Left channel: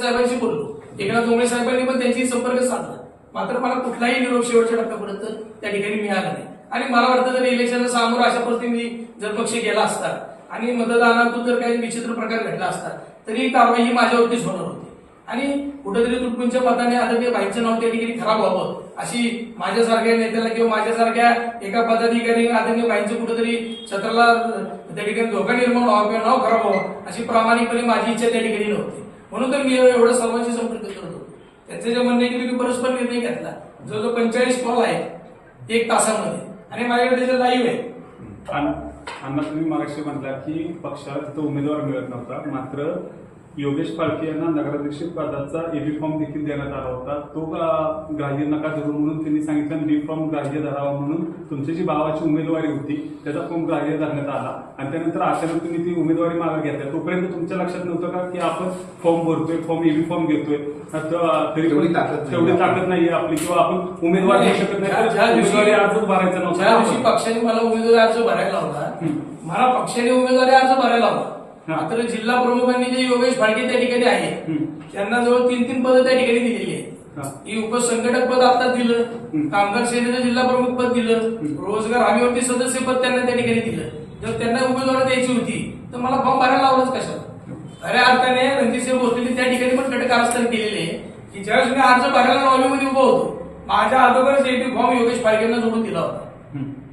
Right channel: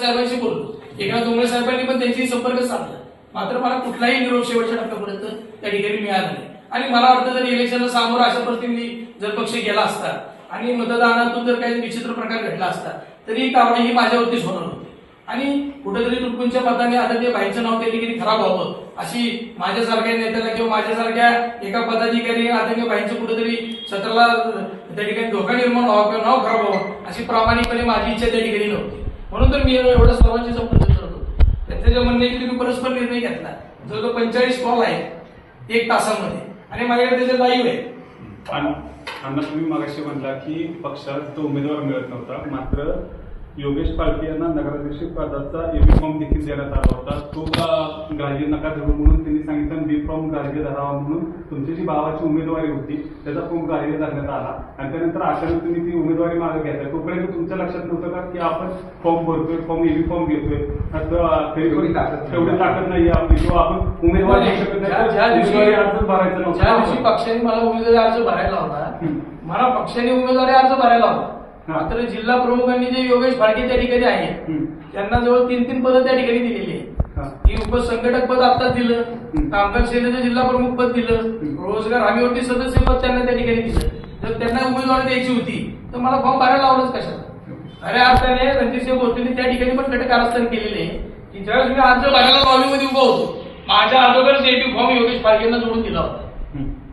साहेबांशी बोललो. एकनाथ डोंगरे साहेबांनी पण त्यांची संपर्क साधला. मात्र मला कुठलाही निरोप शेवटच्या टप्प्यापर्यंत त्या ठिकाणी मिळाला नाही. आणि मला वाटतं जर इलेक्शनला सामोरं अशा परिस्थिती जर पक्ष गेला असता आणि मतदानातून जर काही विचित्र प्रकार घडला असता तरी कारवाई ही माझ्यावरतीच होणार होती. आणि कुठेतरी तुटपुंच्या मताने आता ते बाईचं नाव त्या ठिकाणी खराब व्हावं अशी माझ्यासारख्या नेत्याला किंवा माझ्यासारख्या एका पदाधिकारी आदरणीय भाईचं कुठेतरी सत्राला त्या ठिकाणी धोका निर्माण व्हावा किंवा नाव खराब व्हावं अशी प्रामाणिकपणे माझी इच्छा त्या ठिकाणी नव्हती. म्हणून तर मी एवढं सर्वांशी संपर्क करतो. होतो त्यांचं जे म्हणणं आहे की तुम्ही परस्पर निर्णय घेतला जो जो पंचेचाळीस कॉल आहे एक तासामध्ये आणि माझ्याकडे जे लाईव्ह आहे अण्णा तुम्ही मगाशी म्हटला की पक्षात तो उमेदवार मिळत नव्हता मात्र योगेश पालके यांना नगराध्यक्ष पदाचा एबी फॉर्म देखील देण्यात आला होता. तो का ग्राह्य नका धरू म्हणून त्यांनी सांगितलं बी फॉर्म ग्राह्य धरावा म्हणून तुमची जी भावाची उमेदवारी होती त्याचा फॉर्म ग्राह्य धरण्यात आला. आणि त्यानंतर अचानक तुम्ही ती उमेदवारी मागे घेतल्या. तोपर्यंत तुमच्या लक्षात नव्हतं का की आपण फॉर्म भरतोय फॉर्म एबी फॉर्म घेतोय? तेवढी ताकद नाही. आपली. किंवा आपण उमेदवार घेऊ शकत नाही. उमेदवारी अर्जच भरायचा ज्या दिवशी नव्हता पक्षाने मला उमेदवारी अर्ज भरायला होता. मला पक्षाने उमेदवारी अर्ज भरायला होता. मात्र जिल्हा प्रमुखांनी जे योगेश फाळके त्या ठिकाणी आहे. त्यांना जवळ तीन तीन पदं त्या ठिकाणी दिलेली आहेत. की उपसंघटक पद आता दिलं. कामगार सेनेचं जिल्हा प्रमुख पद दिलं. रोजगार हमी होती सदस्य पद त्यांना त्या ठिकाणी दिलं जर त्यांना उमेदवारी द्यायची होती तर मला फॉर्म भरायला लावलंच कशाला खऱ्या अर्थाने रणजितसिंह भोसलेंनी त्या ठिकाणी पण कटक कारस्थान केलेले की ज्यावेळेस मी अर्ज भरायला लॉबीमध्ये उभा होतो माझ्या अगोदरच एटी फॉर्म योगेश फाळकेंना जोडून दिला होता.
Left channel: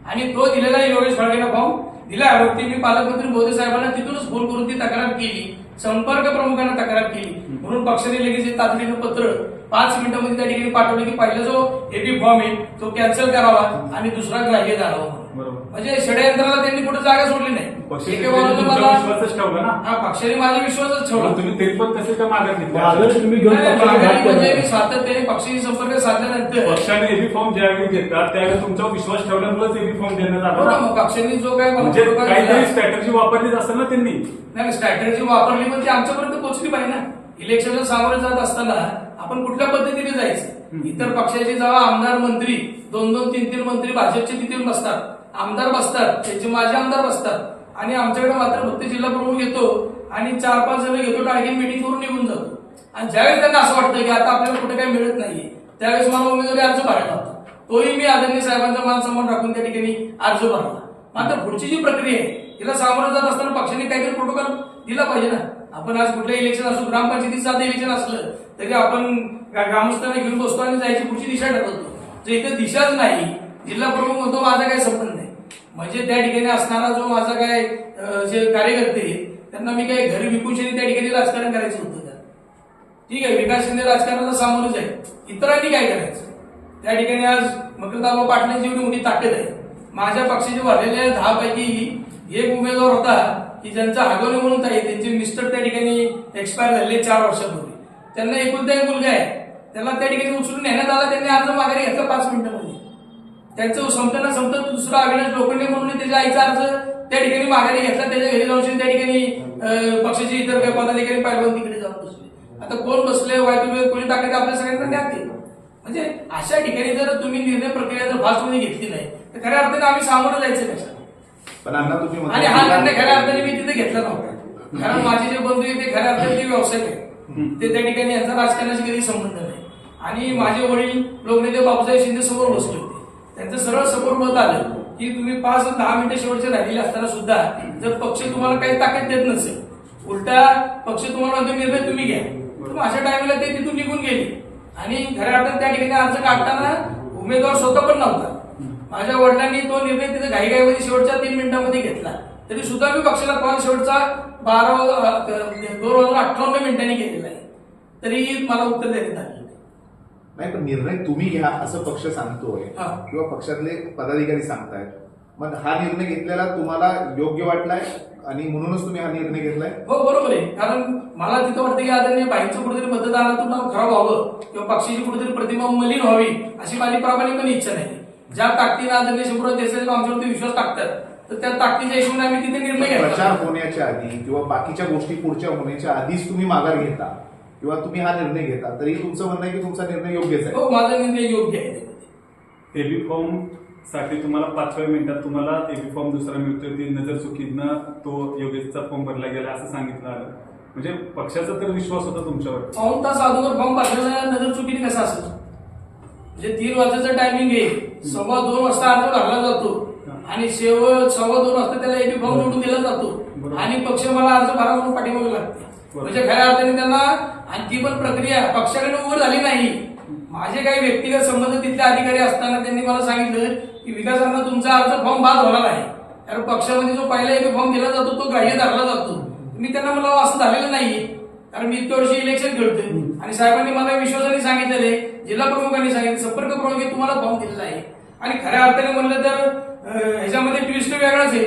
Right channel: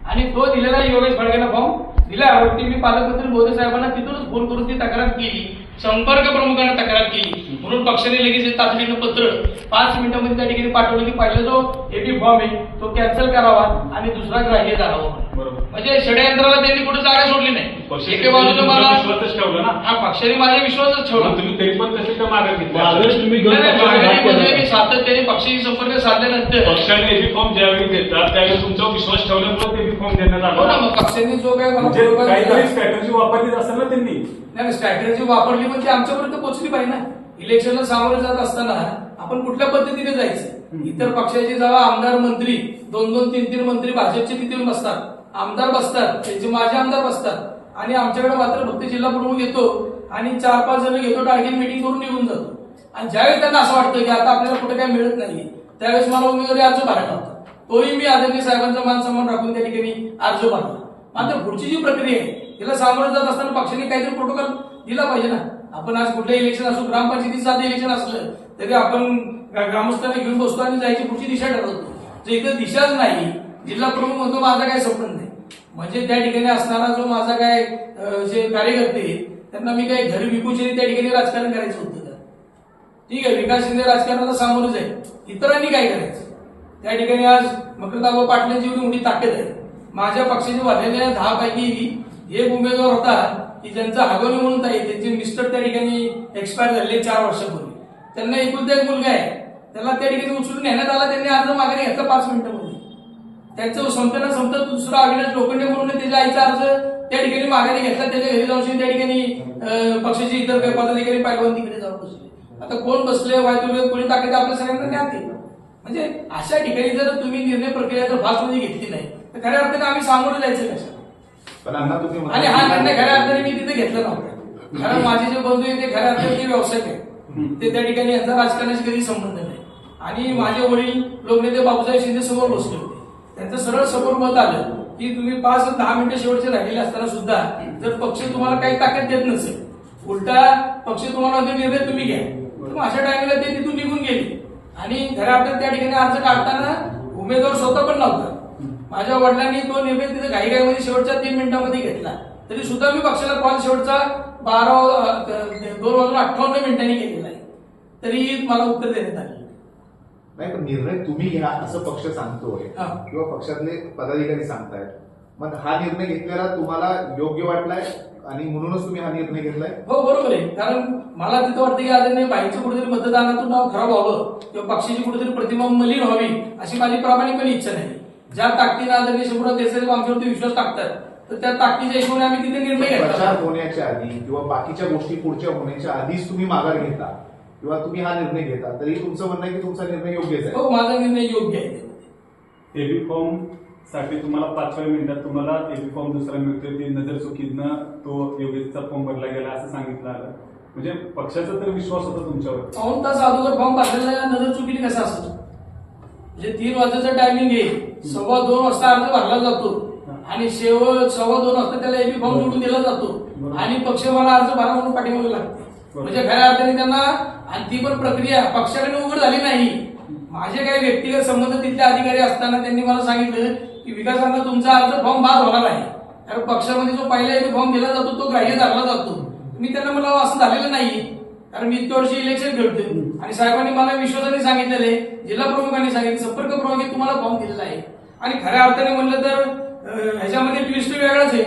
आणि तो दिलेला योगेश फाळकेला फॉर्म दिल्यावरती मी पालकमंत्री मोदी साहेबांना तिथूनच फोन करून ती तक्रार केली. संपर्क प्रमुखांना तक्रार केली. म्हणून पक्षाने लगेच तातडीनं पत्र पाच मिनिटांमध्ये त्या ठिकाणी पाठवलं की पहिला जो एटी फॉर्म आहे तो कॅन्सल करावा आणि दुसरा ग्राह्य झाला म्हणजे षडयंत्राला त्यांनी कुठे जागा सोडली नाही. एके बाजूने मला विश्वासच ठेवला ना. हा पक्षाने माझा विश्वासच ठेवला. तुम्ही तरी पण कसे त्या मागे म्हणजे. मी सातत्याने पक्षाशी संपर्क साधल्यानंतर पक्षाने एबी फॉर्म ज्यावेळी घेतात त्यावेळी तुमचा विश्वास ठेवल्यामुळे एबी फॉर्म देण्यात हो ना आला मग पक्षाने जो काय मला म्हणजे काहीतरी स्ट्रॅटजी वापरलीच असेल ना त्यांनी. नाही स्ट्रॅटेजी वापरली ती आमच्यापर्यंत पोहोचली पाहिजे ना. इलेक्शनला सामोरे जात असताना आपण कुठल्या पद्धतीने जायचं. इतर पक्षाचे जेव्हा आमदार मंत्री दोन दोन तीन तीन मंत्री भाजपचे तिथे बसतात. आमदार बसतात त्यांचे माझे आमदार बसतात. आणि आमच्याकडे मात्र फक्त जिल्हा प्रमुख येतो आणि चार पाच जण घेतो टार्गेट मिटिंग करून निघून जातो. आणि ज्यावेळेस त्यांना असं वाटतं की आता आपल्याला कुठे काही मिळत नाहीये त्यावेळेस मला उमेदवारी अर्ज भरायला होता तोही मी आदरणीय साहेबांचा मान सन्मान राखून त्या ठिकाणी अर्ज भरला. मात्र पुढची जी प्रक्रिया आहे तिला सामोरं जात असताना पक्षाने काहीतरी प्रोटोकॉल दिला पाहिजे ना. आपण आज कुठलं इलेक्शन असू ग्रामपंचायतीचं साधं इलेक्शन असलं तरी आपण ग्रामस्थांना घेऊन बसतो आणि जायची पुढची दिशा ठरवतो जर इथे दिशाच नाही जिल्हा प्रमुख म्हणतो माझा काही संबंध नाही. म्हणजे त्या ठिकाणी असणारा जो माझा काय जे कार्यकर्ते त्यांना मी काय घरी विकून त्या ठिकाणी राजकारण करायचं होतं तर ठीक आहे विकास शिंदे राजकारणाला सामोरच आहे. इतरांनी काय करायचं? त्या ठिकाणी आज मकरदाबा पाटलांची एवढी मोठी ताकद आहे. माझ्या पक्षाचे भरलेल्या दहा पैकी एक उमेदवार होता की ज्यांचा हागवणे म्हणून ताई त्यांचे मिस्टर त्या ठिकाणी एक्सपायर झालेले चार वर्षापूर्वी. त्यांना एकुलता एक मुलगा आहे. त्याला त्या ठिकाणी उचलून नेण्यात आला त्यांनी अर्ज माघारी घेतला पाच मिनिटं त्यांचं संपताना संपत दुसरा अविनाश लोखंडे म्हणून त्याच्या आईचा अर्ज. त्या ठिकाणी माघारी घेतला. त्याच्या घरी जाऊन त्या ठिकाणी पक्षाचे इतर काही पदाधिकारी पायलवान तिकडे जाऊन बसले. आता कोण बसले? वायदू कोणी ताकद आपल्या सगळ्यांना? ज्ञात केलं म्हणजे अशा ठिकाणी जर तुम्ही निर्णय प्रक्रिया जर फास्टमध्ये घेतली नाही तर खऱ्या अर्थाने आम्ही सामोरं जायचं कशा तुम्ही आणि हा निर्णय खऱ्या अर्थाने मी तिथे घेतला नव्हता. कारण माझे जे बंधू ते खऱ्या अर्थाने ते व्यावसायिक आहेत. ते त्या ठिकाणी यांचा राजकारणाशी कधी संबंध नाही. आणि माझे वडील लोकनेते बाबूसाहेब शिंदे समोर बसले त्यांचं सरळ समोर मत आलं की तुम्ही पाच दहा मिनिटं शेवटचे राहिलेले असताना सुद्धा जर पक्ष तुम्हाला काही ताकद देत नसेल उलटा पक्ष तुम्हाला निर्णय तुम्ही घ्या. तर अशा टायमाला ते तिथून निघून गेले. आणि खऱ्या त्या ठिकाणी अर्ज काढताना उमेदवार स्वतः पण नव्हता. माझ्या वडिलांनी तो निर्णय तिथे घाईघाईमध्ये शेवटच्या तीन मिनिटांमध्ये घेतला. तरी सुद्धा मी पक्षाला कॉल शेवटचा बारा दोन वाजून अठ्ठावन्न मिनिटांनी केलेला आहे. तरी मला उत्तर देण्यात आलं. नाही पण निर्णय तुम्ही घ्या असं पक्ष सांगतोय. हा. किंवा पक्षातले पदाधिकारी सांगतायत. मग हा निर्णय घेतलेला तुम्हाला योग्य वाटलाय? आणि म्हणूनच तुम्ही हा निर्णय घेतलाय? हो बरोबर आहे. कारण मला तिथं वाटतं की आदरणीय बाईंचं कुठेतरी मतदानातून नाव खराब व्हावं किंवा पक्षाची कुठेतरी प्रतिमा मलिन व्हावी अशी माझी प्रामाणिकपणे इच्छा नाही. ज्या ताकदीनं आदरणीय शिवराज देसाई आमच्यावरती विश्वास टाकतात तर त्या ताकदीच्या हिशोबाने आम्ही तिथे निर्णय प्रचार घेतला होण्याच्या आधी किंवा बाकीच्या गोष्टी पुढच्या होण्याच्या आधीच तुम्ही माघार घेता. किंवा तुम्ही हा निर्णय घेता तरी तुमचं म्हणणं आहे की तुमचा निर्णय योग्यच आहे? हो माझा निर्णय योग्य आहे. एबी फॉर्मसाठी तुम्हाला पाचव्या मिनिटात तुम्हाला एबी फॉर्म दुसरा मिळतोय ती नजर चुकीनं तो योगेशचा फॉर्म भरला गेला असं सांगितलं. आलं म्हणजे पक्षाचा तर विश्वास होता तुमच्यावर. पाऊन तास अगोदर फॉर्म भरलेला नजर चुकीने कसा असेल? म्हणजे तीन वाजेचं टायमिंग आहे. सव्वा दोन वाजता अर्ज भरला जातो. आणि शेवट सव्वा दोन वाजता त्याला एबी फॉर्म निवडून दिला जातो. आणि पक्ष मला अर्ज भरा म्हणून पाठीमागे लागते. म्हणजे खऱ्या अर्थाने त्यांना आणि ती पण प्रक्रिया पक्षाकडे उघड झाली नाही. माझे काही व्यक्तिगत संबंध तिथले अधिकारी असताना त्यांनी मला सांगितलं की विकासांना तुमचा अर्ज फॉर्म बाद होणार आहे. कारण पक्षामध्ये जो पहिला एक फॉर्म दिला जातो तो ग्राह्य धरला जातो. मी त्यांना मला असं झालेलं नाही. कारण मी इतक्या वर्षी इलेक्शन खेळतोय. आणि साहेबांनी मला विश्वासाने सांगितलेले जिल्हा प्रमुखांनी सांगितलं संपर्क प्रमुख तुम्हाला फॉर्म दिलेला आहे. आणि खऱ्या अर्थाने म्हणलं तर ह्याच्यामध्ये ट्विस्ट वेगळाच आहे.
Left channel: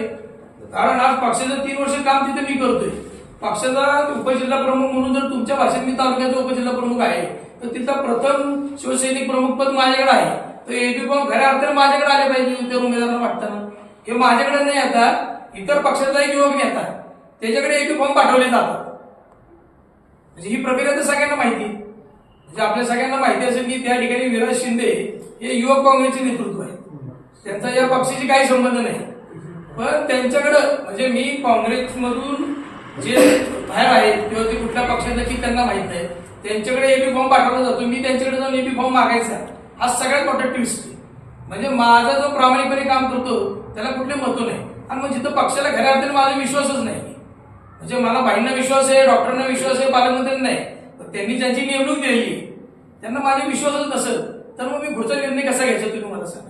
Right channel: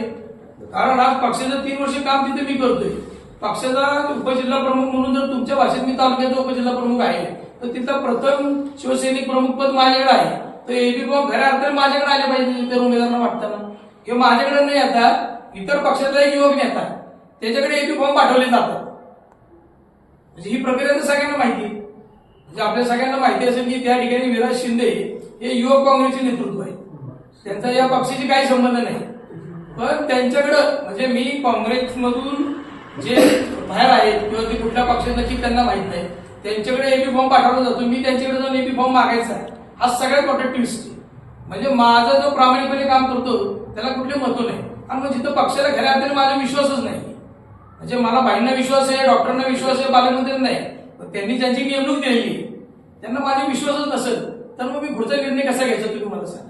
कारण आज पक्षाचं तीन वर्ष काम तिथे मी करतोय. पक्षाचा उपजिल्हा प्रमुख म्हणून जर तुमच्या भाषेत मी तालुक्याचा उपजिल्हा प्रमुख आहे तर तिथं प्रथम शिवसैनिक प्रमुख पद माझ्याकडे आहे. तर एबी खऱ्या अर्थाने माझ्याकडे आले पाहिजे इतर उमेदवारांना वाटताना. किंवा माझ्याकडे नाही आता इतर पक्षाचा एक युवक नेता त्याच्याकडे एबी फॉर्म पाठवले जातात. म्हणजे ही प्रक्रिया तर सगळ्यांना माहिती आहे. म्हणजे आपल्या सगळ्यांना माहिती असेल की त्या ठिकाणी विराज शिंदे हे युवक काँग्रेसचे नेतृत्व आहे. त्यांचा या पक्षाशी काही संबंध नाही. पण त्यांच्याकडं म्हणजे मी काँग्रेसमधून जे बाहेर आहेत किंवा ते कुठल्या पक्षाचं की त्यांना माहीत नाही. त्यांच्याकडे एबी फॉर्म पाठवला जातो. मी त्यांच्याकडे जाऊन एबी फॉर्म मागायचा. हा सगळ्यात मोठा ट्विस्ट म्हणजे माझा जो प्रामाणिकपणे काम करतो त्याला कुठले महत्त्व नाही. आणि मग जिथं पक्षाला खऱ्या अर्थाने माझा विश्वासच नाही. म्हणजे मला बाईंना विश्वास आहे डॉक्टरांना विश्वास आहे पालकमंत्र्यांना नाही. पण त्यांनी ज्यांची नेमणूक दिलेली त्यांना माझा विश्वासच नसेल. तर मग मी पुढचा निर्णय कसा घ्यायचा तुम्ही मला सांगा.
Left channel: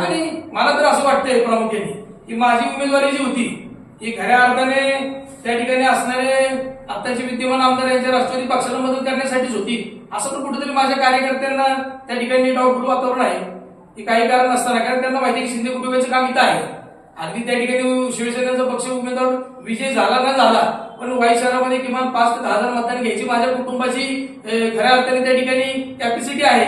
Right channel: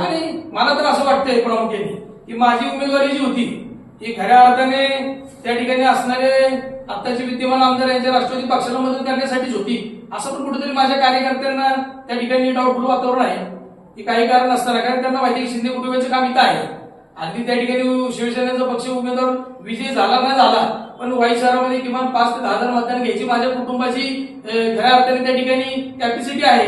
आणि मला तर असं वाटतंय प्रामुख्याने की माझी उमेदवारी जी होती ही खऱ्या अर्थाने त्या ठिकाणी असणारे आत्ताचे विद्यमान आमदार यांच्या राष्ट्रवादी पक्षाला मदत करण्यासाठीच होती. असं पण कुठेतरी माझ्या कार्यकर्त्यांना त्या ठिकाणी डाऊटफुल वातावरण आहे. की काही कारण नसताना कारण त्यांना माहिती आहे शिंदे कुटुंबाचं काम इथं आहे. अगदी त्या ठिकाणी शिवसेनेचा पक्ष उमेदवार विजय झाला ना झाला पण वाई शहरामध्ये किमान पाच ते दहा हजार मतदान घ्यायची माझ्या कुटुंबाची खऱ्या अर्थाने त्या ठिकाणी कॅपॅसिटी आहे.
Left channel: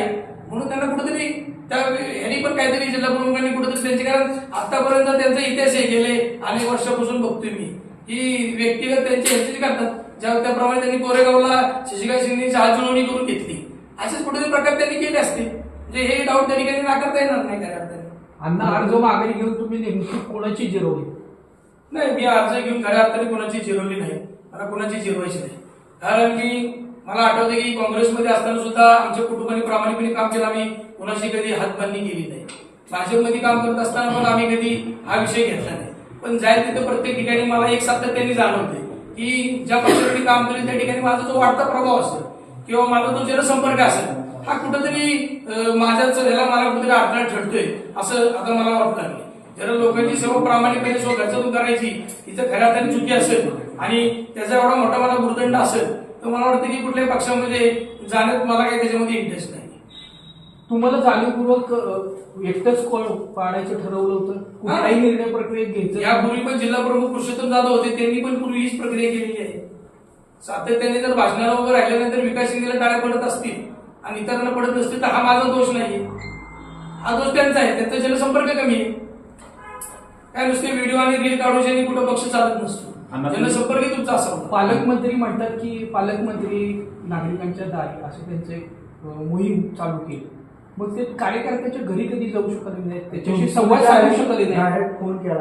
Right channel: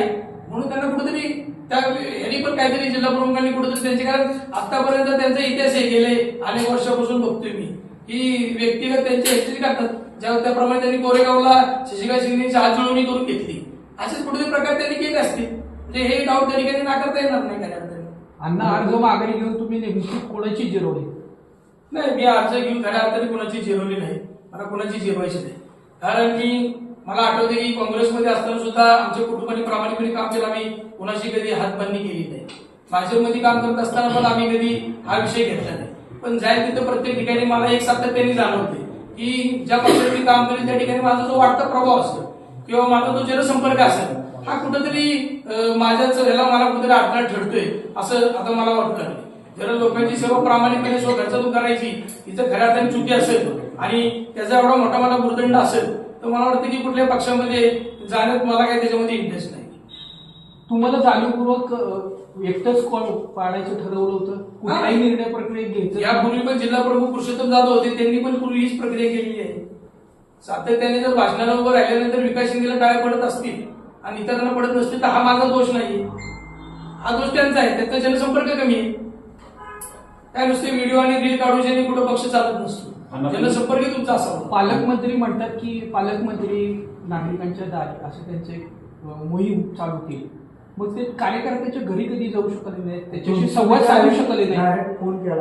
म्हणून त्यांना कुठेतरी त्या यांनी पण काहीतरी जिल्हा प्रमुखांनी कुठेतरी त्यांचे कारण आतापर्यंत त्यांचा इतिहास आहे गेले अनेक वर्षापासून बघतोय मी. की व्यक्तिगत त्यांचे ह्याचे करतात ज्या त्याप्रमाणे त्यांनी कोरेगावला शशिकांत सिंगची हात जुळवणी करून घेतली. असेच कुठेतरी प्रकार त्यांनी केले असते म्हणजे हे डाऊट त्या ठिकाणी नाकारता येणार नाही खऱ्या अर्थाने. अण्णा अर्ज माघारी घेऊन तुम्ही नेमकी कोणाची जिरवली? नाही मी अर्ज घेऊन खऱ्या अर्थाने कोणाची जिरवली नाही. मला कोणाची जिरवायची नाही. कारण की मला आठवते की काँग्रेसमध्ये असताना सुद्धा आमच्या कुटुंबाने प्रामाणिकपणे काम केलं. आम्ही कोणाशी कधी हातबंदी केली नाही. भाजपमध्ये काम करत असताना पण आम्ही कधी हा विषय घेतला नाही. पण जाईल तिथं प्रत्येक ठिकाणी मला एक सातत्याने जाणवते की ज्या पक्षात मी काम करेल त्या ठिकाणी माझा जो वाढता प्रभाव असेल किंवा माझा तो जनसंपर्क असेल हा कुठंतरी माझ्याच ह्याला मला कुठेतरी अडथळा ठरतोय असं आता मला वाटतं. आहे जर लोकांची सेवा प्रामाणिकपणे स्वतःच करायची तिथं खऱ्या अर्थाने चुकी असेल आणि त्याचा एवढा मोठा मला गुरुदंड असेल तर मला वाटतं की कुठल्याही पक्षामध्ये जाण्यात मला काही त्याच्यामध्ये इंटरेस्ट नाही. तुम्हाला जाणीवपूर्वक एकटंच कॉल पाडायचं ठरवलं होतं? कुठलाही निर्णय प्रक्रियेत घ्यायचं? यापूर्वी पण जिल्हा प्रमुख पुरुषोत्तम जाधव होते त्यांनी पण पूर्वी हीच प्रक्रिया केलेली आहे. सातत्याने जर भाषणाला उभं राहिल्यानंतर विकास शिंदेला टाळ्या पडत असतील आणि इतरांना पडत नसतील तर हा माझा दोष नाहीये. हा दोष त्यांचा आहे त्यांचा जनसंपर्क कमी आहे. काय नुसते व्हिडिओ आणि रील काढून कुठं पक्ष चालत नसतो. जनसंपर्क तुमचा असावा पालकमंत्री म्हणतात की पालकमंत्री नागरिकांच्या दारी असं त्यांचं एक मोहीम चालू केली. मग ते कार्यकर्त्याच्या घरी कधी जाऊ शकले नाहीत? त्याच्याशी संवाद साधू शकले नाही डायरेक्ट फोन केला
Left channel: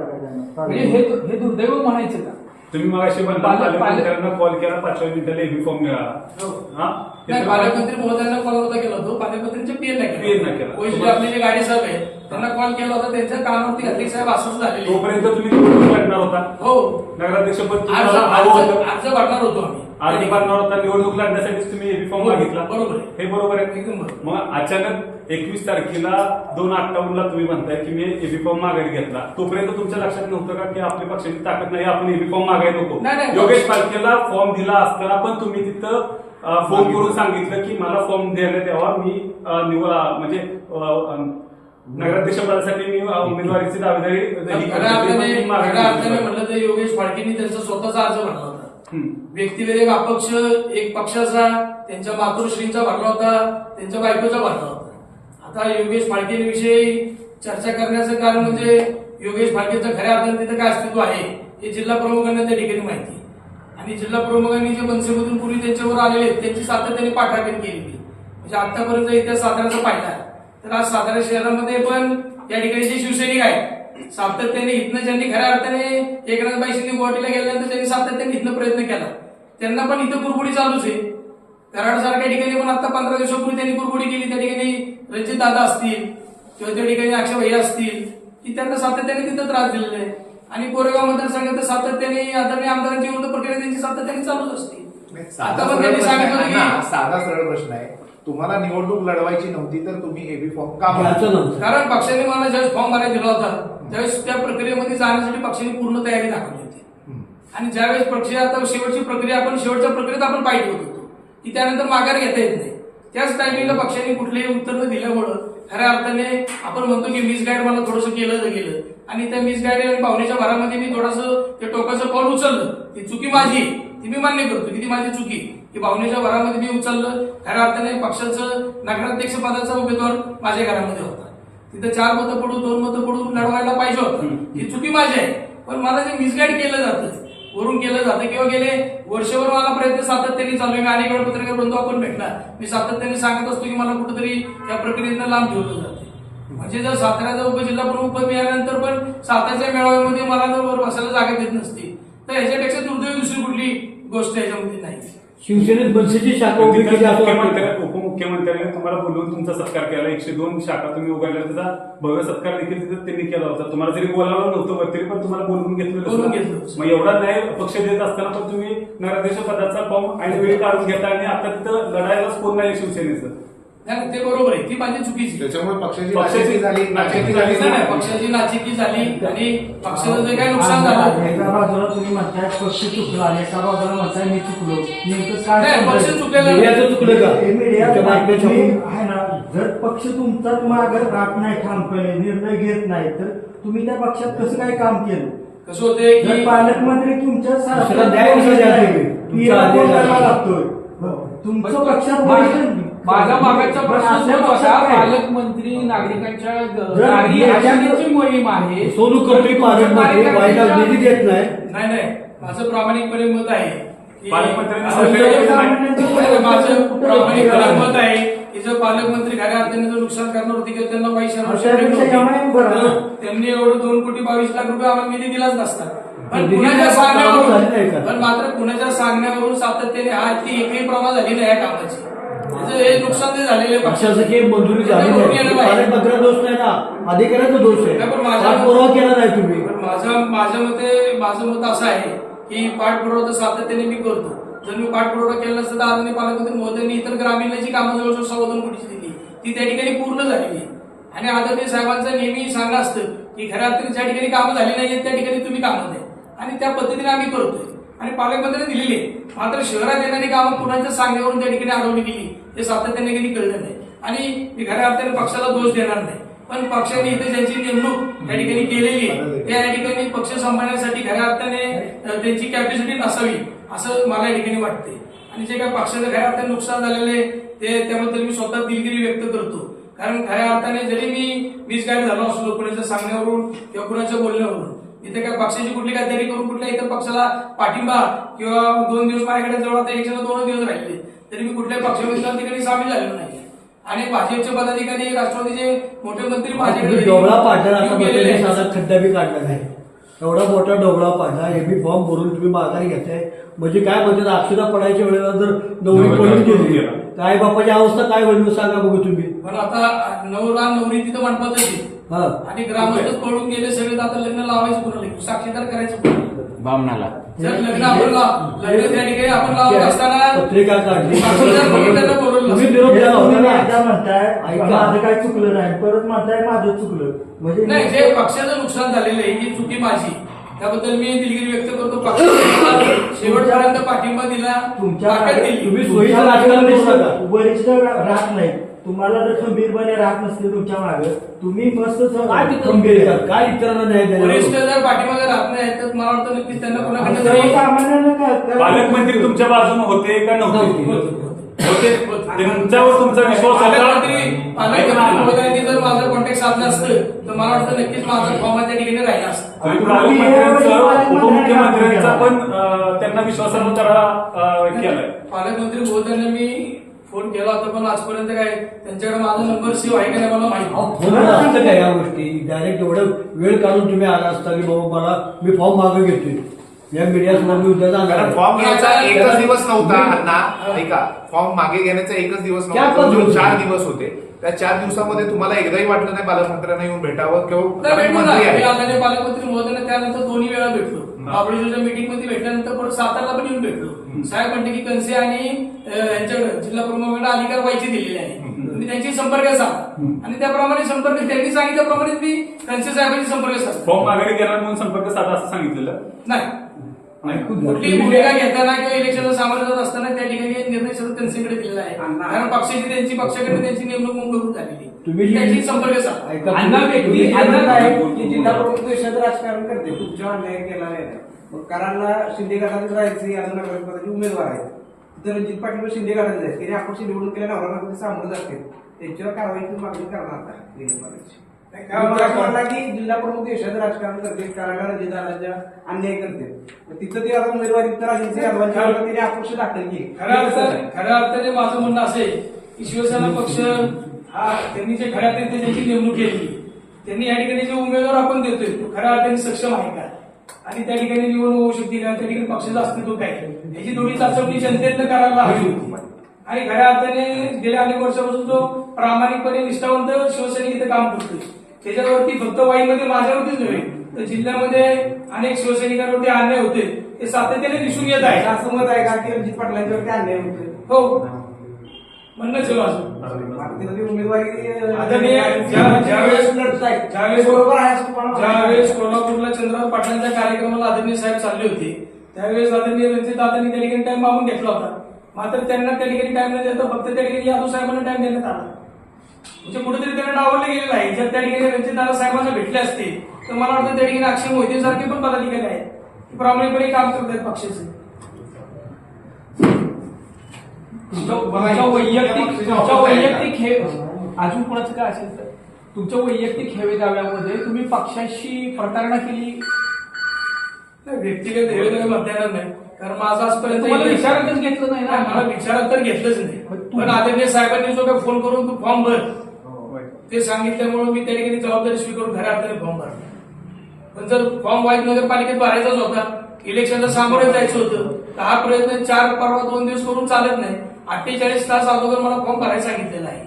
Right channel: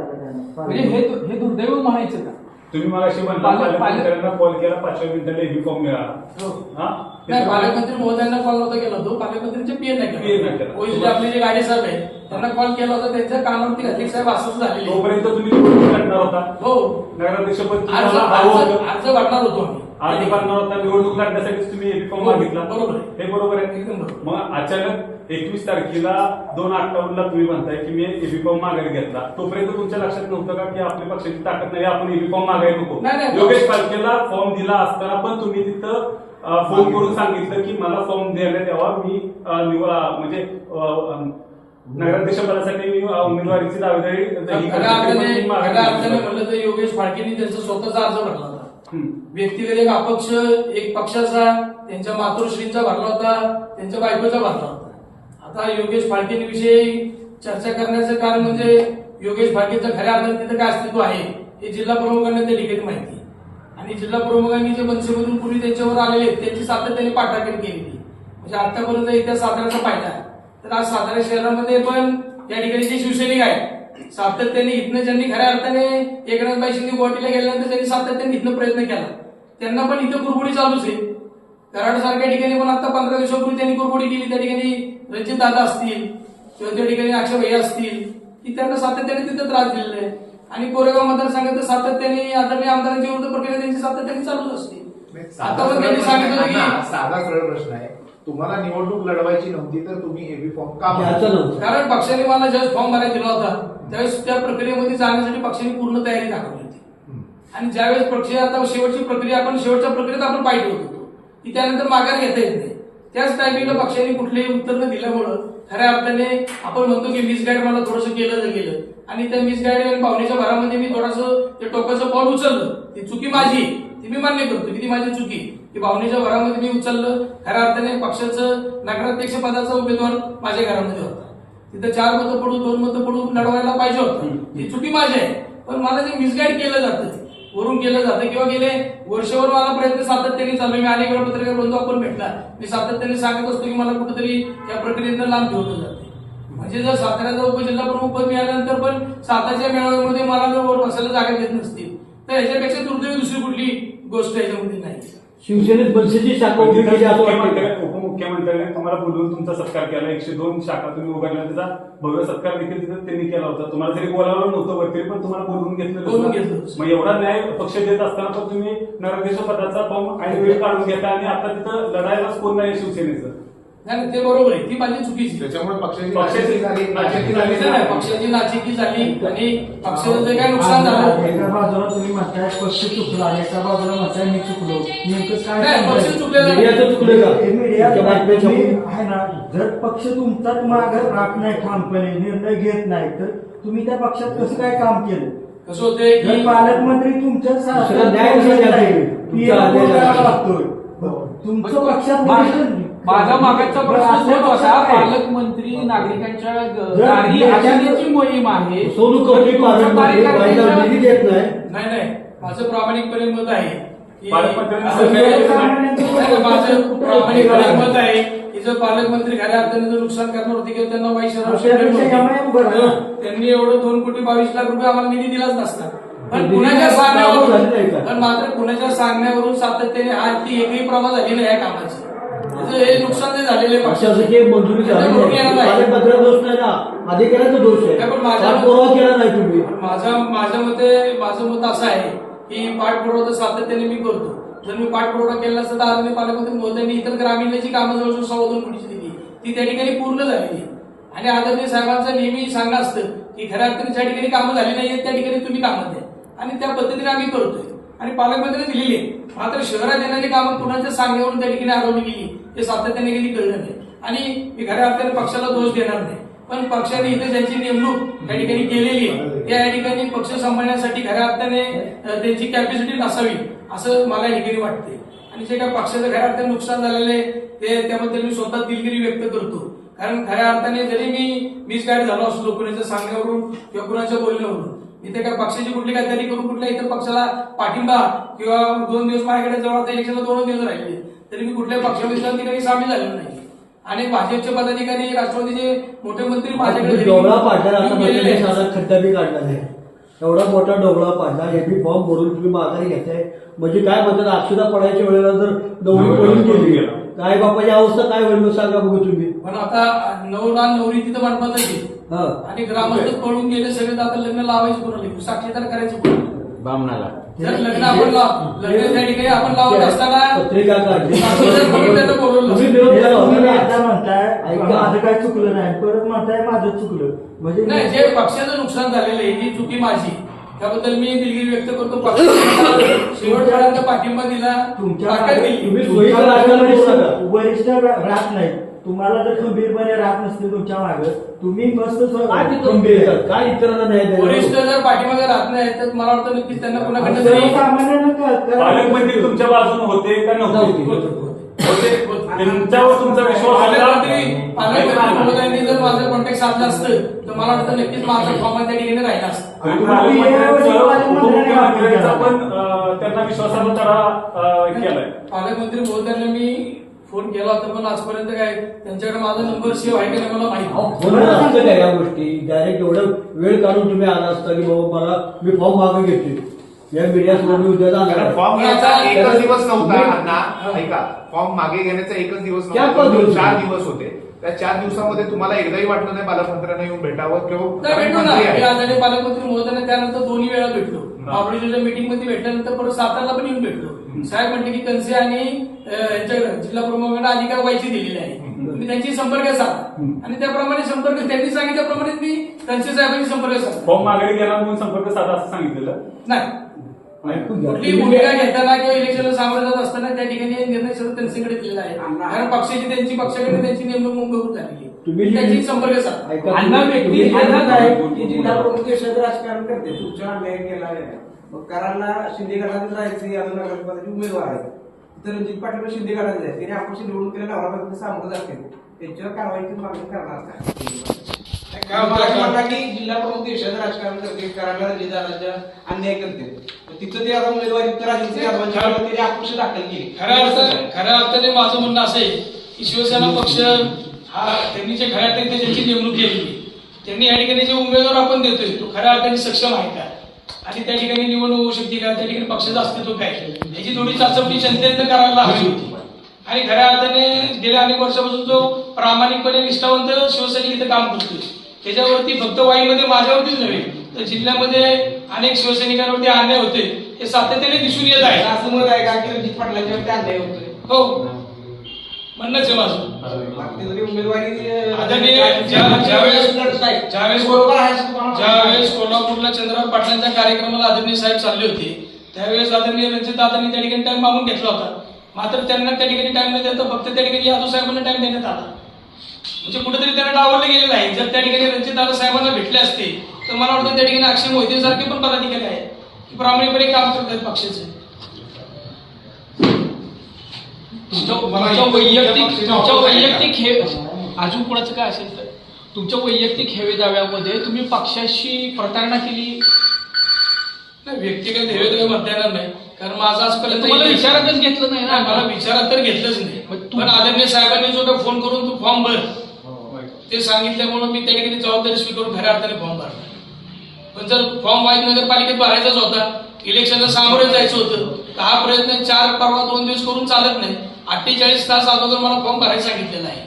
म्हणजे हे हे दुर्दैव म्हणायचं का? तुम्ही पालक- पालक- पालकमंत्र्यांना कॉल केला पाचव्या मिनिटाला एबी फॉर्म मिळाला हो. हा? ते नाही पालकमंत्री महोदयांना कॉल नव्हता केला. होता पालकमंत्र्यांचे पीएन नाही नाही केला. आपले जे गाडी साहेब आहेत त्यांना कॉल केला होता. त्यांच्या कानावरती अध्यक्ष साहेब असंच झालेले. तोपर्यंत तुम्ही निवडणूक लढणार होता? हो. नगराध्यक्ष पद अर्ज अर्ज होतं. अर्ज भरणार होतो अर्ज आम्ही भरणार होता. निवडणूक लढण्यासाठी तुम्ही एबी फॉर्म हो, मागितला. बरोबर. हे बरोबर आहे. एकदम. मग अचानक एकवीस तारखेला दोन अठ्ठावन्नला तुम्ही म्हणताय की मी एबी फॉर्म मागायला घेतला. तोपर्यंत तुमच्या लक्षात नव्हतं का की आपल्या पक्षाची ताकद नाही? आपण एबी फॉर्म मागायला नको. योगेश पालकेला फॉर्म दिला असताना पण तुम्ही तिथं फोन करून सांगितलं की मला फॉर्म देण्यात यावा मी म्हणजे मी उमेदवारीची दावेदारी खऱ्या. अर्थाने खऱ्या. म्हणलं तर योगेश फाळकेंनी त्यांचा स्वतःचा अर्ज भरला होता. व्यक्तिगत एक अपक्ष एक पक्षाचा त्यांच्या मातोश्रींचा भरला होता त्यांच्या बायकोचा भरला होता आता योगेश फाळकेंविषयी चर्चा करण्याचं कारण म्हणजे योगेश फाळकेचं खऱ्या अर्थाने तिथं काय अस्तित्व आहे हे जिल्हा प्रमुखांना त्या ठिकाणी माहिती. आणि जिल्हा प्रमुखांनी जे मनसेमधून पूर्वी त्यांच्यावर आलेले त्यांची सातत्याने पाठाकरी केलेली म्हणजे आतापर्यंत इतिहास साताऱ्याचा पाहिला तर आज सातारा शहरामध्ये पण या ठिकाणी जे शिवसैनिक आहेत सातत्याने इथनं ज्यांनी खऱ्या अर्थाने एकनाथबाई शिंदे गुवाहाटीला गेल्यानंतर त्यांनी सातत्याने इथनं प्रयत्न केला. त्यांना पण इथं कुरबुडी चालूच आहे. कराड सारख्या ठिकाणी पण आता पंधरा दिवसापूर्वी त्यांनी कुरबुडी केली त्या ठिकाणी रणजित दादा असतील किंवा त्या ठिकाणी अक्षय भैया असतील की त्यांना सातत्याने तिथं त्रास दिलेला आहे. आणि कोरेगाव मतदारसंघात तर सातत्याने आदरणीय आमदारांची विरुद्ध प्रक्रिया त्यांची सातत्याने चालूच असते. आता पण त्यांनी सांगितलं की साधा सरळ प्रश्न आहे. तुम्हाला निवडणूक लढवायची नव्हती तर तुम्ही एबी फॉर्म का भरला? कारण पक्षाने मला ज्यावेळेस फॉर्म भरायला दिला होता त्यावेळेस त्या प्रक्रियेमध्ये जाण्यासाठी पक्षाने पूर्ण तयारी दाखवली होती. हम्म. आणि ज्यावेळेस पक्ष आता शेवटची प्रक्रिया आपण शेवटच्या प्रक्रियेत आपण पाहिजे होत होतो की त्यानंतर माघार घेता येत नाही. त्याच टायमिंगला पक्षाने कुठलेही उत्तर न दिल्यामुळं खऱ्या अर्थाने आपण म्हणतो की मिसगाईड मला थोडंसं केलं तर गेलं. आणि त्या मिसगाईड आणि पाहुण्याच्या भरामध्ये मी थोडंसं ते टोकाचं पाऊल उचललं. ती चुकी माझी ती मी मान्य करतो. की ती माझी चुकी? की भावनेच्या भरामध्ये मी उचललं खऱ्या अर्थाने पक्षाचं नगराध्यक्ष पदाचा उमेदवार माझ्या घरामध्ये होता. तिथं चार मतं पडून दोन मतं पडून लढवायला पाहिजे होतं. ही चुकी माझी आहे. पण मला जे मिसगाईड केलं जातं वरून केलं जातं किंवा गेले वर्षभर मला प्रयत्न सातत्याने चालू. मी अनेक वेळा पत्रकार बंधू आपण भेटला. मी सातत्याने सांगत असतो की मला कुठेतरी या प्रक्रियेनं लांब ठेवलं जाते. म्हणजे जर साताऱ्याचा उपजिल्हा प्रमुख पद मिळाल्यानंतर पण सातारच्या मेळाव्यामध्ये मला जर वर बसायला जागा देत नसती. तर याच्यापेक्षा दुर्दैवी दुसरी कुठली गोष्ट याच्यामध्ये नाही. शिवसेनेत मनसेची शाखा उभी केली असं वाटतं मुख्यमंत्र्या उपमुख्यमंत्र्यांनी तुम्हाला बोलवून तुमचा सत्कार केला. एकशे दोन शाखा तुम्ही उभारल्या त्याचा भव्य सत्कार देखील तिथे त्यांनी केला होता. तुम्हाला जरी बोलावलं नव्हतं वर तरी पण तुम्हाला बोलवून घेतलं बोलवून घेतलं. मग एवढा न्याय पक्ष देत असताना पण तुम्ही नगराध्यक्ष पदाचा फॉर्म आणि वेळ काढून घेता आणि आता तिथं लढायलाच कोण नाही शिवसेनेचं. नाही ते बरोबर आहे. ती माझी चुकीची. त्याच्यामुळे पक्षाची पक्षाची- झाली नाचक्की झाली. नाही, पक्षाची नाचिकी झाली आणि पक्षाचं जे काही नुकसान झालं. एका बाजूला तुम्ही म्हणताय पक्ष चुकला आणि एका बाजूला म्हणताय मी चुकलो. नेमकं काय नाही? पक्ष चुकलेला नाही. मीडियाचं चुकलं का? हे मीडिया तुमच्या बातम्या तुम्ही छापून? आहे ना जर पक्ष तुमचाच मागे राहत नाही ठामपणे निर्णय घेत नाही तर तुम्ही त्या पक्षात कसं काय काम केलं? कसं होतंय जर की पालकमंत्री तुमच्या दुसरा न्याय कसा द्यायचा तुम्ही? की याला तुमचा. लागतोय पक्षात माझा मागाचा प्रश्न तोच होता? पालकमंत्री नागरिकांच्या मोहीम आहे सोनू पालकमंत्री निधी देत नाही. नाही नाही. माझं प्रामाणिकपणे मत आहे की पालकमंत्र्यांनी माझं प्रामाणिकपणे मत आहे की जर पालकमंत्री खऱ्या अर्थाने जर नुकसान करणार होते किंवा त्यांना ना? त्यांनी एवढं दोन कोटी बावीस लाख रुपये आम्हाला निधी दिलाच नसता. पण कुणाच्या सांगण्यावरून? पण मात्र कुणाच्या सांगण्यावरून सातत्याने हा ती एकही प्रभा झाली नाही या कामाची. हे नुकसान जे झालेले आहे. पक्षाची मंजुरी नाही. पालकमंत्र्यांचा दोष नाही ना? अधिकाऱ्यांचा दोष आहे. नाही, पण माझ्या- पाठपुरावा केला नाही तुम्ही. माझं माझ्या मते माझं मत असं आहे की पाठपुरावा सातत्याने मी करतो. जर मी पाठपुरावा केला नसता तर आदरणीय पालकमंत्री मोदींनी इतर ग्रामीणला जी कामं जवळजवळ सव्वा दोन कोटीची दिली. ती त्या ठिकाणी पूर्ण झालेली आहे. आणि आदरणीय साहेबांचं नेहमी सांगणं असतं की खऱ्या अर्थाने ज्या ठिकाणी कामं झाली नाहीयेत त्या ठिकाणी तुम्ही कामं द्या. आणि त्या पद्धतीने आम्ही करतोय. आणि पालकमंत्र्यांनी दिलेली आहे. मात्र शहरात येणारी कामं कुणाच्या सांगण्यावरून त्या ठिकाणी अडवली गेली हे सातत्याने कधी कळलं नाही. आणि मी खऱ्या अर्थाने पक्षाला दोष देणार नाही. पण पक्षाने इथे ज्यांची नेमणूक त्या ठिकाणी केलेली आहे त्या या ठिकाणी पक्ष सांभाळण्यासाठी खऱ्या अर्थाने त्यांची कॅपॅसिटी नसावी असं मला या ठिकाणी वाटते आणि जे काही पक्षाचं खऱ्या अर्थाने नुकसान झालेलं आहे ते त्याबद्दल मी स्वतः दिलगिरी व्यक्त करतो. कारण खऱ्या अर्थाने जरी मी मिसगाईड झालो असलो कुणाच्या सांगण्यावरून किंवा कुणाच्या बोलण्यावरून इथे काय पक्षाची कुठली गद्दारी करून कुठल्या इतर पक्षाला पाठिंबा किंवा दोन दिवस माझ्याकडे जवळ आता इलेक्शनला दोन दिवस राहिले. तरी मी कुठल्या पक्षामध्ये ठिकाणी सामील झालेलो नाही. आणि भाजपचे पदाधिकारी राष्ट्रवादीचे मोठे मंत्री माझ्याकडे तुम्ही घरी डोबळा पाडला खड्डा बी काढला नाही. एवढा मोठा डोबळा पाडला हे बी फॉर्म भरून तुम्ही माघारी घेताय म्हणजे काय म्हणतात अक्षरा पडायच्या वेळेला जर नवरी पडून गेली काय बापाची अवस्था काय होईल सांगा बघू तुम्ही. पण आता नवरा नवरी तिथं मंडपातच आहे. हा आणि ग्रामस्थच पळून गेले सगळे आता लग्न लावायचं कोणाला? साक्षीदार करायचं कोणाला? बामणाला. जर लग्न आपण लग्न त्या ठिकाणी आपण लावत असताना साक्षीदार त्यांना बोलवलं. काय चुकलं नाही. परत म्हणताय माझं चुकलं. म्हणजे नाही जे पक्षाचं नुकसान झालेलं आहे ही चुकी माझी. त्याबद्दल मी दिलगिरी व्यक्त करतो. शेवटपर्यंत पाठिंबा दिला तुमच्या. वरिष्ठ राहत नाही. तुम्हाला जर खंबीरपणे राहत नसते तुमच्या मागे तुम्ही मस्त काय ते खंबीर आहे. काय इतरांना न्याय वरिष्ठ द्यायला जर पाठीमागे राहत नाही तर मला वाटतं नक्कीच त्यांना कोणाकडनं तरी सर्वसामान्यांना पालकमंत्री तुमच्या बाजूने होते का नव्हते? नव्हते. होते त्यांच्यावर तुमचा विश्वास पालकमंत्री होता? पालकमंत्री महोदयांनी जर माझं कॉन्टॅक्ट साधलं असतं तर मला वाटतं नक्कीच माझं फॉर्म त्या ठिकाणी राहिला असतं. आणि पालकमंत्र्यांचं उपमुख्यमंत्र्यांचा पण अं, त्यांना विश्वासाचा तरा केलाय. पालकमंत्री महोदयांना मी फोन केला होता पण आजपर्यंत काय त्यांच्याकडे माझा नंबर सेव्ह आहे का नाही मला माहिती अहो, नाही. फोनवर असतं काय या गोष्टी डायरेक्ट एवढं वेळ काढून तुम्ही आला असता की बाबा मला मी फॉर्म मागे घेतोय या मीडियासमोर मी उद्या जाणार कारण आहे. फॉर्म घ्यायचा एकच दिवस नव्हता अण्णा ऐका फॉर्म मागे घेण्याचा एकच दिवस चार पाच. दिवस होते त्या चार दिवसामध्ये तुम्हाला एकदाही वाटलं नाही पालकमंत्र्यांना येऊन भेटावं किंवा मी. आदरणीय पालकमंत्री महोदयांना त्यानंतर दोन्ही वेळा भेटलो. महाबळेश्वरच्या मीटिंगमध्ये भेटल्यानंतर परत सातारला पण येऊन भेटलो. साहेब म्हणते की कनसे आणि अं, यांच्याकडे जिल्हा प्रमुखांना अधिकार व्हायची दिलेली आहे तुम्ही त्यांची संपर्क साधा. आणि त्याप्रमाणे संपर्क त्यांनी सांगितल्याप्रमाणे मी कनसे साहेबांची संपर्क साधला फॉर्म माघारी गेला म्हणून संपर्क साधा असं सांगितलेलं? नाही. कुठलीही भूमिका घेताना किंवा इलेक्शनला सामोरं जात असताना त्या ठिकाणी निर्णय सगळं त्यांच्याकडे दिलेला आहे. कारण पक्षाची त्यांची पक्षाकडे त्यांची नेमणूक मंजूर झालेली तुम्ही आहे. त्यांची संपर्क साधा. ऐका, अण्णा तुम्ही- व्यक्ती तुम्ही- अण्णा काय की जिल्हा प्रमुख देशात राजकारण करते. तुमच्या अन्याय केला आहे मग कराडला शिंदे गटातच राहायचे अजून नगरपदाचे उमेदवार आहेत. तर रणजित पाटील शिंदे गटाचे आहेत. त्यांनी आपण निवडून केल्या नवरा सामोरं जाते. त्यांच्यावर कारवाईची मागणी करणार मला वाटलं की जिल्हा प्रमुख देशाचं राजकारण करते रणजित दादाच्या अन्याय करते. तिथं ते आता उमेदवारी तर त्यांनी अपक्ष दाखल केली. खऱ्या अर्थ खऱ्या अर्थाने माझं म्हणणं असं आहे की शिवसेना पक्ष हा त्यांनी जे खऱ्या अर्थाने त्यांची नेमणूक केली. त्यांनी या ठिकाणी जे उमेदवार आपण देतोय तो खऱ्या अर्थाने सक्षम आहे का? आणि त्या ठिकाणी निवडणूक होऊ शकते का? त्या ठिकाणी पक्षाचं अस्तित्व काय? याची थोडी चाचपणी जनतेनं करायला हवी होती. आणि खऱ्या अर्थाने गेल्या अनेक वर्षापासून जो प्रामाणिकपणे निष्ठावंत शिवसैनिक इथं काम करतोय. त्याच्यावरती फक्त वाईमध्ये माझ्यावरतीच नव्हे तर जिल्ह्यामध्ये अनेक शिवसैनिकांवरती अन्याय होते हे सातत्याने दिसून येत आहे. असं मत आहे का की रणजित पाटलांच्यावर ते अन्याय होते हो. म्हणणंच आहे माझं. उमेदवारी आदरणीय ज्या- ज्यावेळेस ज्यावेळेस बरोबर आहे असं तुम्हाला ज्यावेळेस कोल्हापूरला चंद्रराव पाटलांच्या कार्यक्रमाला आदरणीय साहेब चालले होते त्यावेळेस आदरणीय रणजित दादांनी त्या ठिकाणी टाइम मागून घेतला होता. मात्र त्यांना त्या ठिकाणी टाइम न देता फक्त त्या ठिकाणी यादव साहेबांना टाइम देण्यात आला. म्हणजे कुठेतरी त्यांना डावललं गेलेलं आहे. जर त्या ठिकाणी रणजित दादा साहेबांना भेटले असते तर मला वाटतं त्या ठिकाणी अक्षय मोहिते सारखे पण पदाधिकारी आहेत की प्रामाणिकपणे काम करत आहेत पक्षाचे. तुमच्या वैयक्तिक तुमच्या वैयक्तिक हे अजून कोणाचं काय असेल तर? तुमच्या वैयक्तिक हेवे दाव्यामध्ये तुम्ही पक्षाशी प्रतारणा केली? नाही व्यक्तिगत हे तर म्हणता येणार नाही. कारण माझा आजपर्यंत इतिहास- विचारातच घेतलं नाही नाही, मला ना विचारात तर घेतलंच नाही. पण आदरणीय साहेबांनी जो काही फोन करून तू फॉर्म भर. ते सांगितल्यामुळे मी त्या ठिकाणी जबाबदारी स्वीकारून खऱ्या अर्थाने फॉर्म भरला. पण जर फॉर्म वाईज नगरपालिकेत भरायचाच होता इलेक्शनला सामोरे जायचं होतं तर हा प्रयत्न चार परवा दोन दिवस करून चालत नाही. अठ्ठेचाळीस तास अगोदर मला फॉर्म भरायला सांगितलेला आहे.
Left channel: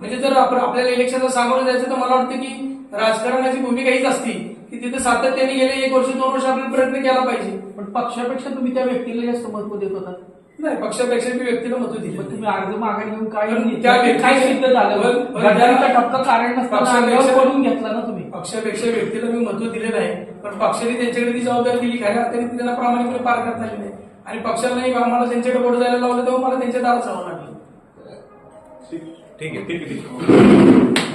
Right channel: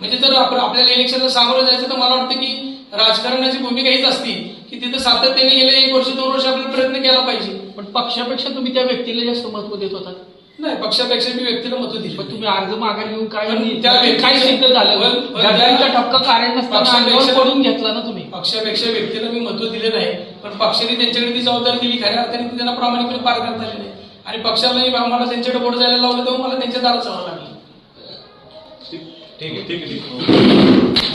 म्हणजे जर आपण आपल्याला इलेक्शनला सामोरे जायचं तर मला वाटतं की राजकारणाची भूमिका हीच असती की तिथं सातत्याने गेले एक वर्ष दोन वर्ष आपल्याला प्रयत्न केला पाहिजे. पण पक्षापेक्षा तुम्ही त्या व्यक्तीला जास्त महत्त्व देत होता नाही पक्षापेक्षा मी व्यक्तीला मत दिली पण तुम्ही अर्ज मागे घेऊन काय पण काय सिद्ध झालं? पण- पण त्या- गद्दारीचा ठपका कारण नसताना पक्षापेक्षा- अंगावर पडून घेतला ना तुम्ही. पक्षापेक्षा व्यक्तीला मी महत्त्व दिले नाही. पण पक्षाने त्यांच्याकडे ती जबाबदारी दिली. खऱ्या अर्थाने ती त्यांना प्रामाणिकपणे पार करता आली नाही. आणि पक्षालाही मला त्यांच्याकडे बोट जायला लावलं तेव्हा मला त्यांच्या दारात जावं लागलं. ठीक आहे ठीक आहे ठीक आहे.